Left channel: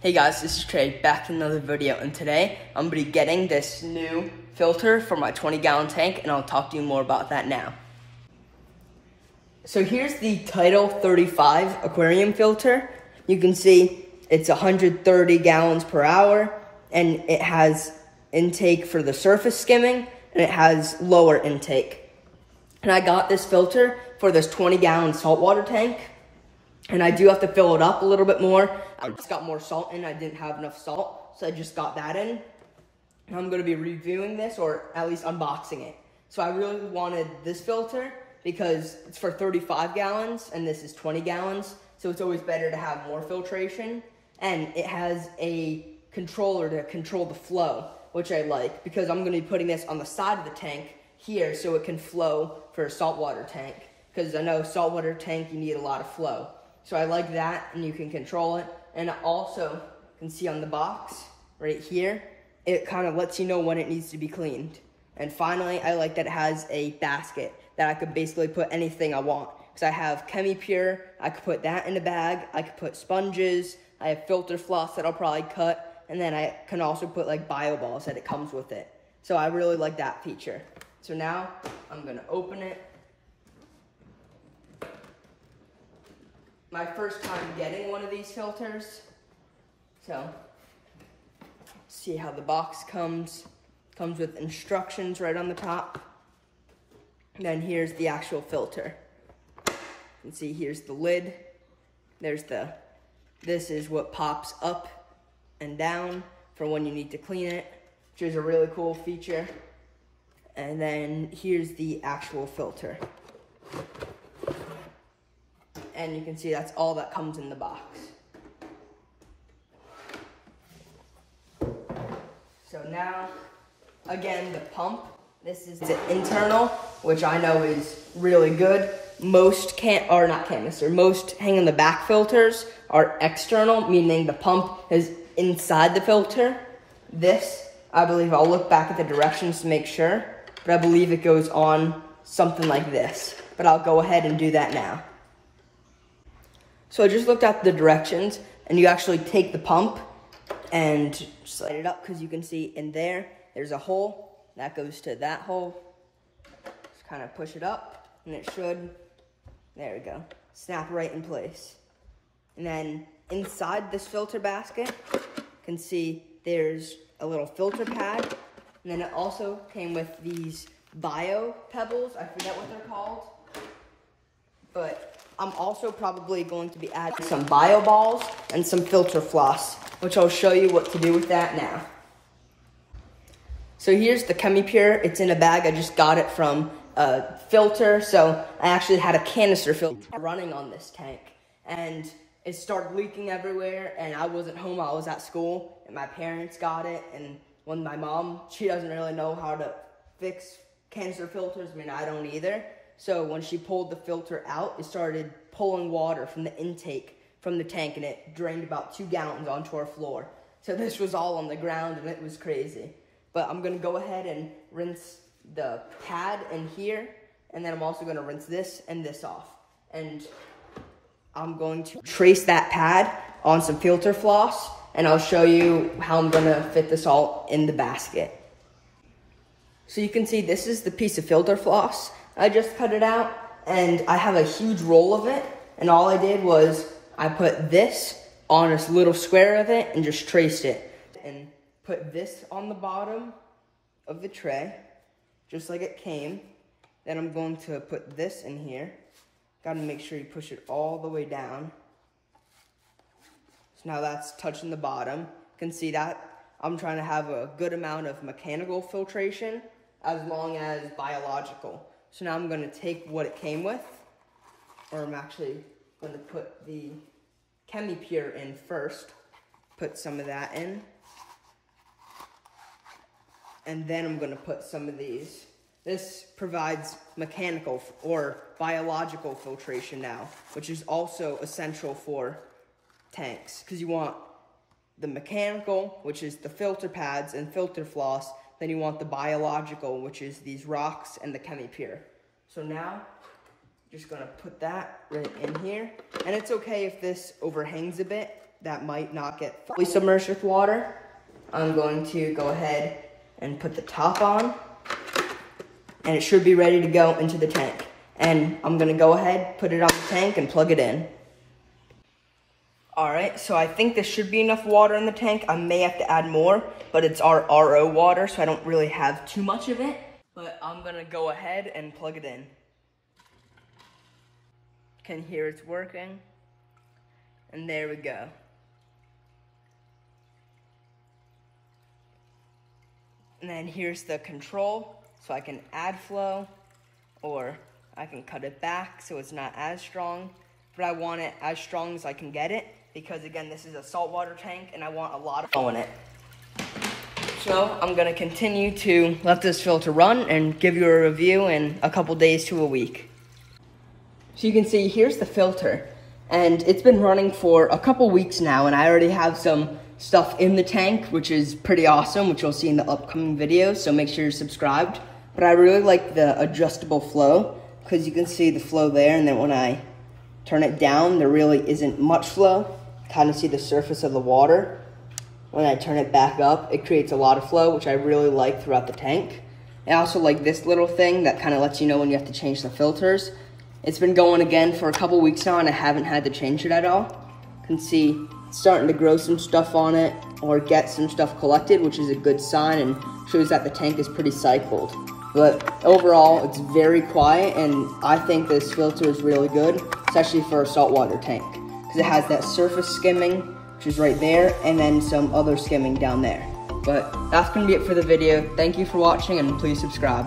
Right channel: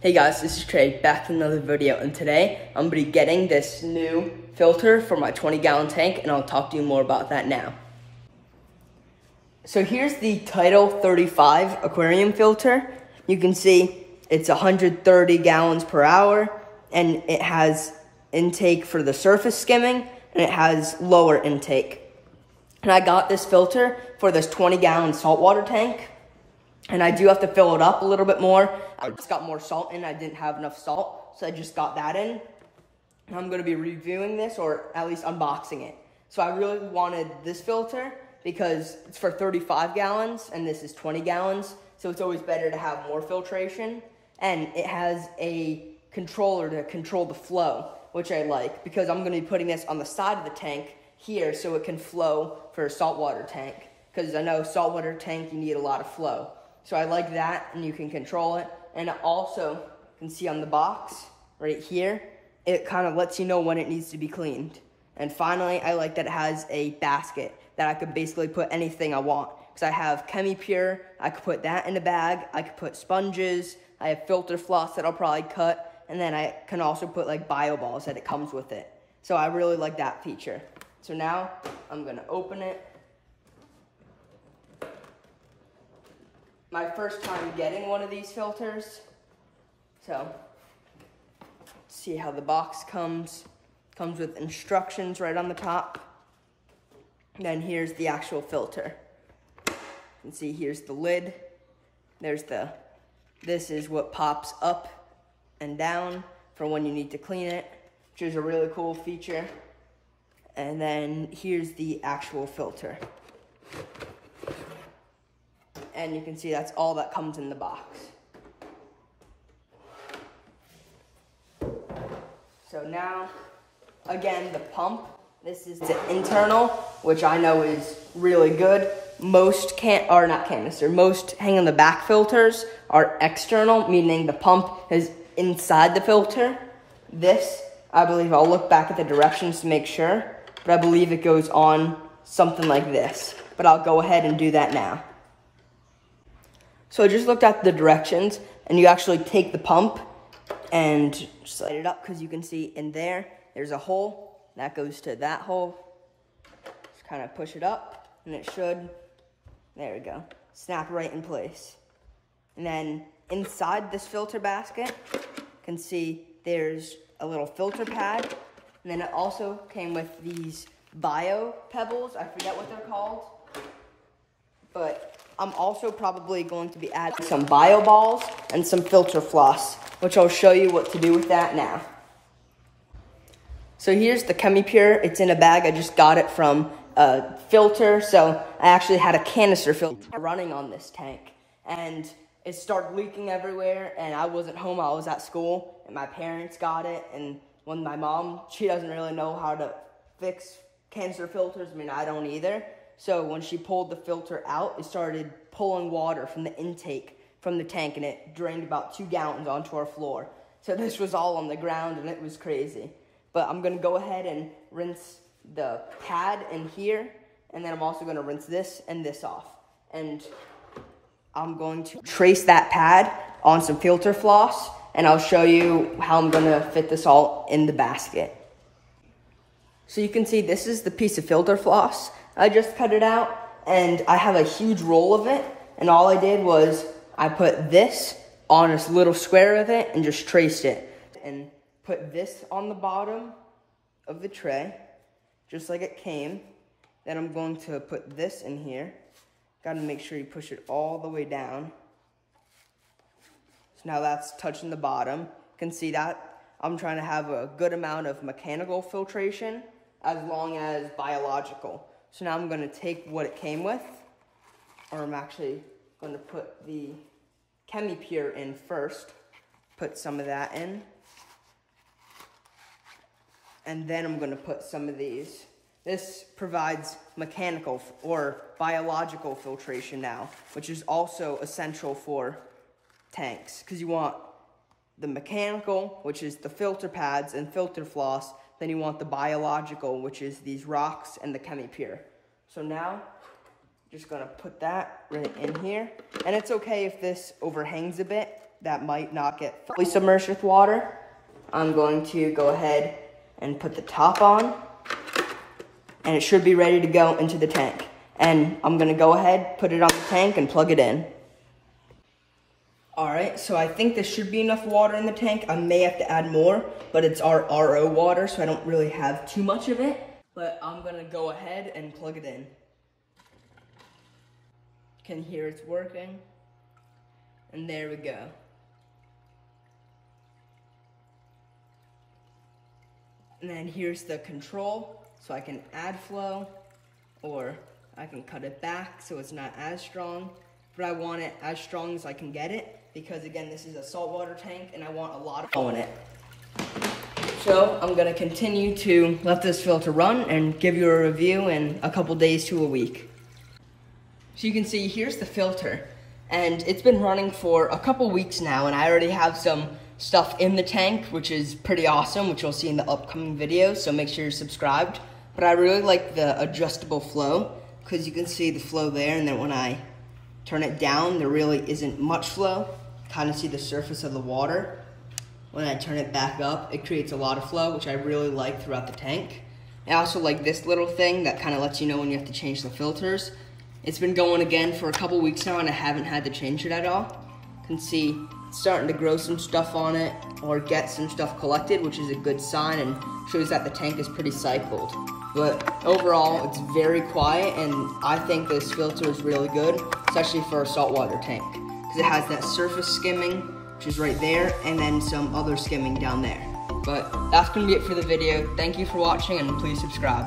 Hey guys, this is Trey, back in another video, and today I'm going to be getting this new filter for my 20-gallon tank, and I'll talk to you more about that now. So here's the Tidal 35 aquarium filter. You can see it's 130 gallons per hour, and it has intake for the surface skimming, and it has lower intake. And I got this filter for this 20-gallon saltwater tank, and I do have to fill it up a little bit more. It's got more salt in. I didn't have enough salt, so I just got that in. And I'm going to be reviewing this, or at least unboxing it. So I really wanted this filter because it's for 35 gallons, and this is 20 gallons. So it's always better to have more filtration. And it has a controller to control the flow, which I like, because I'm going to be putting this on the side of the tank here so it can flow for a saltwater tank. Because I know saltwater tank, you need a lot of flow. So I like that, and you can control it. And also, you can see on the box, right here, it kind of lets you know when it needs to be cleaned. And finally, I like that it has a basket that I could basically put anything I want. Because I have ChemiPure, I could put that in a bag, I could put sponges, I have filter floss that I'll probably cut, and then I can also put like bio balls that it comes with it. So I really like that feature. So now, I'm gonna open it. My first time getting one of these filters. So, see how the box comes. Comes with instructions right on the top. And then here's the actual filter. You can see here's the lid. This is what pops up and down for when you need to clean it, which is a really cool feature. And then here's the actual filter. And you can see that's all that comes in the box. So now, again, the pump. This is the internal, which I know is really good. Most most hang on the back filters are external, meaning the pump is inside the filter. This, I believe, I'll look back at the directions to make sure, but I believe it goes on something like this. But I'll go ahead and do that now. So I just looked at the directions, and you actually take the pump and slide it up, because you can see in there's a hole that goes to that hole. Just kind of push it up, and it should, there we go, snap right in place. And then inside this filter basket, you can see there's a little filter pad, and then it also came with these bio pebbles. I forget what they're called, but I'm also probably going to be adding some bio balls and some filter floss, which I'll show you what to do with that now. So here's the ChemiPure. It's in a bag. I just got it from a filter. So I actually had a canister filter running on this tank, and it started leaking everywhere, and I wasn't home. I was at school, and my parents got it. And when my mom, she doesn't really know how to fix canister filters. I mean, I don't either. So when she pulled the filter out, it started pulling water from the intake from the tank, and it drained about 2 gallons onto our floor. So this was all on the ground, and it was crazy. But I'm gonna go ahead and rinse the pad in here, and then I'm also gonna rinse this and this off. And I'm going to trace that pad on some filter floss, and I'll show you how I'm gonna fit this all in the basket. So you can see this is the piece of filter floss. I just cut it out, and I have a huge roll of it, and all I did was I put this on this little square of it and just traced it, and put this on the bottom of the tray, just like it came. Then I'm going to put this in here. Gotta make sure you push it all the way down. So now that's touching the bottom. You can see that I'm trying to have a good amount of mechanical filtration as long as biological. So now I'm going to take what it came with, or I'm actually going to put the ChemiPure in first, put some of that in, and then I'm going to put some of these. This provides mechanical or biological filtration now, which is also essential for tanks, because you want the mechanical, which is the filter pads and filter floss. Then you want the biological, which is these rocks and the ChemiPure. So now, just gonna put that right in here. And it's okay if this overhangs a bit, that might not get fully submerged with water, I'm going to go ahead and put the top on, and it should be ready to go into the tank. And I'm gonna go ahead, put it on the tank and plug it in. All right, so I think there should be enough water in the tank. I may have to add more, but it's our RO water, so I don't really have too much of it. But I'm gonna go ahead and plug it in. Can hear it's working. And there we go. And then here's the control, so I can add flow, or I can cut it back so it's not as strong. But I want it as strong as I can get it, because again, this is a saltwater tank and I want a lot of flow in it. So I'm gonna continue to let this filter run and give you a review in a couple days to a week. So you can see, here's the filter, and it's been running for a couple weeks now, and I already have some stuff in the tank, which is pretty awesome, which you'll see in the upcoming videos, so make sure you're subscribed. But I really like the adjustable flow, because you can see the flow there, and then when I turn it down, there really isn't much flow. Kind of see the surface of the water. When I turn it back up, it creates a lot of flow, which I really like throughout the tank. I also like this little thing that kind of lets you know when you have to change the filters. It's been going again for a couple weeks now, and I haven't had to change it at all. You can see it's starting to grow some stuff on it, or get some stuff collected, which is a good sign and shows that the tank is pretty cycled. But overall, it's very quiet, and I think this filter is really good, especially for a saltwater tank, because it has that surface skimming, which is right there, and then some other skimming down there. But that's gonna be it for the video. Thank you for watching, and please subscribe.